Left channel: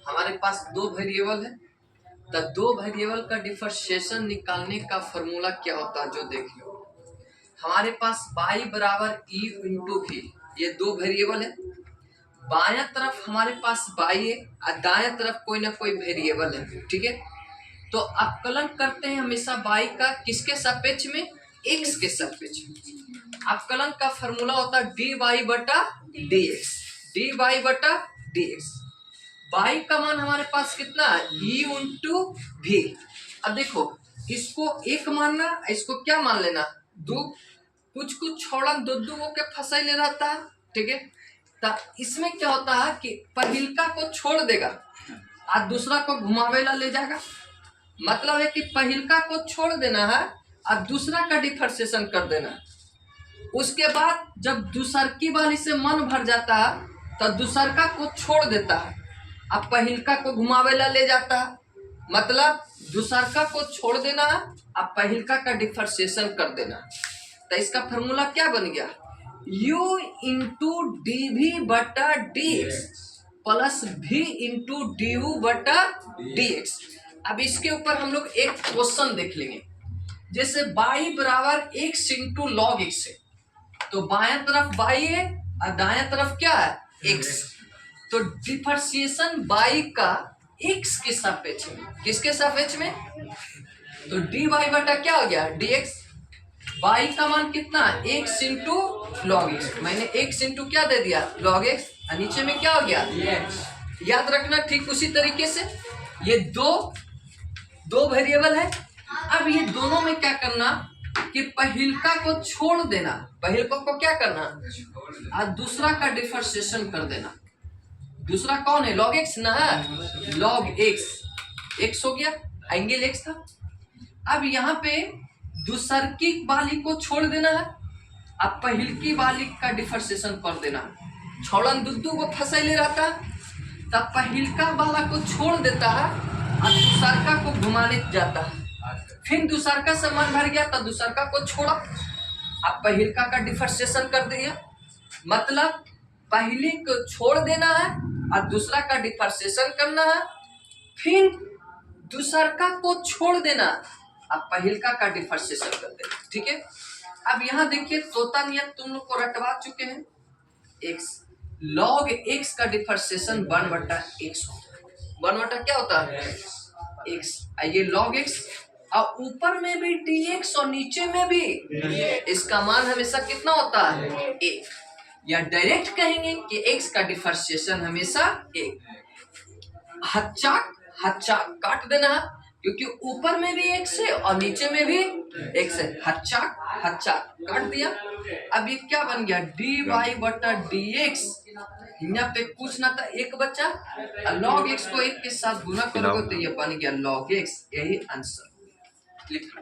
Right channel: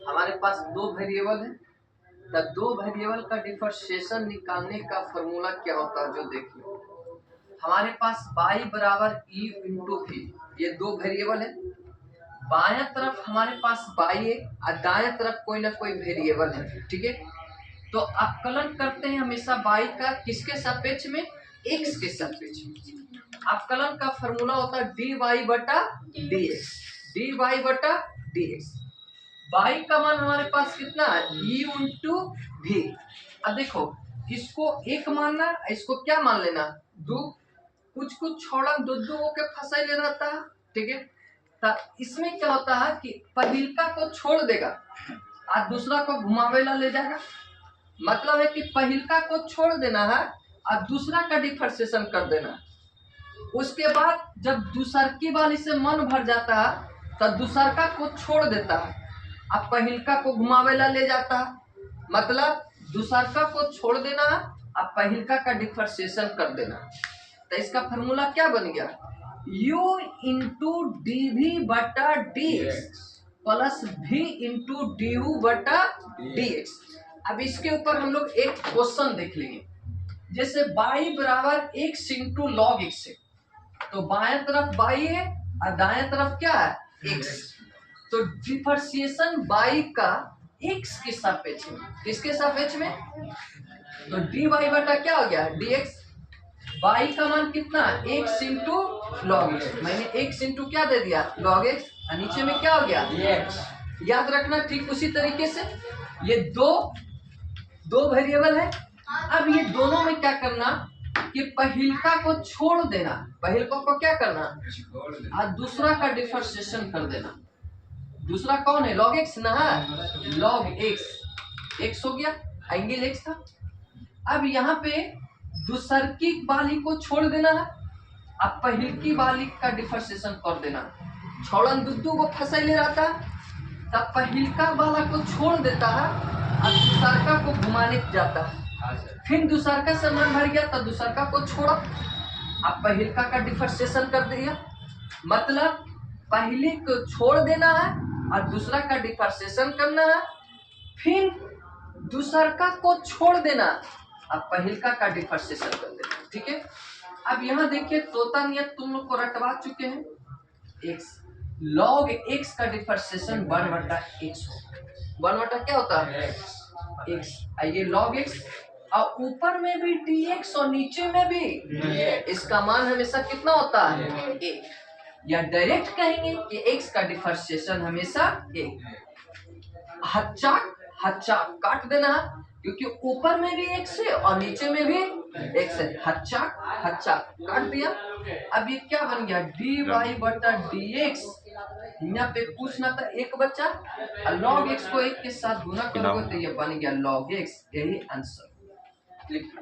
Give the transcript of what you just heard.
हमारे पास दो वेरिएबल है, तो दो वेरिएबल का डिफरेंशिएशन निकालने का फॉर्मूला क्या होता है जो देख लो। हमारे पास y बराबर e इंटू भी, ये दो वेरिएबल है। बायां तरफ हमारे पास y है और दायां तरफ कोई ना कोई वेरिएबल है, ठीक है। तो अवकलन करते हैं हमेशा y का किसके सापेक्ष में, x के सापेक्ष में। अवकलन का फॉर्मूला होता है dy बटा dx, dy बटा dx। y का मान हमारे पास कितना है, e इंटू भी। अब देखो इसको एक मानना, इसको क्या मान लेना, दो, कुछ कुछ छोड़न दो दो के फंसाइले रहता है, ठीक है। तो इसमें क्या होता है कि पहिलका को छोड़ देगा और दूसरा को घुमावेला ले जाएगा। मतलब है कि पहिलका को छोड़ देना है और दूसरा का डिफरेंशिएशन कर देना। उसके बाद जब दूसरकी वाली से मन भर जाता है तो दूसरका को छोड़ देता है, अब पहिलका को घुमावेला ले जाता है। मतलब दूसरका को छोड़ देना, अब पहिलका का डिफरेंशिएशन कर देना। तो इसका फॉर्मूला क्या बन गया, u इंटू डी भी बटा D x plus v into D you बटा डी एक्स। अब इसके ऊपर हम लोग एक क्वेश्चन देख लेंगे। जैसे y बराबर x इंटू लॉग एक्स है, तो बाएं तरफ y है और दाएं तरफ क्या है, x। तो डिफरेंशिएशन y का x के सापेक्ष में, किसके सापेक्ष में, तो dy बटा क्या हो गया dx। y का मान कितना, x इंटू लॉग एक्स। मैंने x इंटू क्या दे दिया, लॉग एक्स, और नीचे में क्या हो गया dx। याद रखना ठीक उसी तरीके से ये दो वेरिएबल है। अब ये दोनों में क्या करना कि पहिलका को छोड़ देना, पहिलका को क्या करना और दूसरा का डिफरेंशिएशन कर देना। दूसरा कौन है, लॉग एक्स ना, लॉग एक्स, एक्स हो गया, एंगल एक्स था। अब यहाँ पे दूसरकी वाली को छोड़ देना है, अब पहिलकी वाली का डिफरेंशिएशन कर देना। छोड़न दुद्दू को फंसाई ले रहता है, तब पहिलका वाला को छोड़ देता है और दूसरका को घुमाने जाता है। फिर दूसरका से मन भर गया तो दूसरका को छोड़ा, अब पहिलका का डिफरेंशिएशन कर दिया। मतलब पहले को छोड़ देना है और दूसरा का डिफरेंशिएशन करना है, फिर दूसरका को छोड़ देना, अब पहिलका का डिफरेंशिएशन कर देना, ठीक है। अब यहाँ देखिए तोता नियत तुम लोग को रटवा चुके हैं। x log x का डिफरेंशिएशन 1 बटा x होता है। 1 बटा क्या होता है, x। ये log x और ऊपर में भी dx और नीचे में भी इसका मान हमेशा कितना होता है, 1। या डायरेक्ट कहेंगे कि x का डिफरेंशिएशन हमेशा 1। हच्चा काट देना है, क्योंकि ऊपर में भी x है और नीचे में भी x है। हच्चा काट दिया। अब ये क्या बन गया, dy बटा dx। यहाँ पे कुछ ना था, एक बच्चा, log x को 1 के साथ गुना करोगे तो ये बन गया log x। यही आंसर लिखो।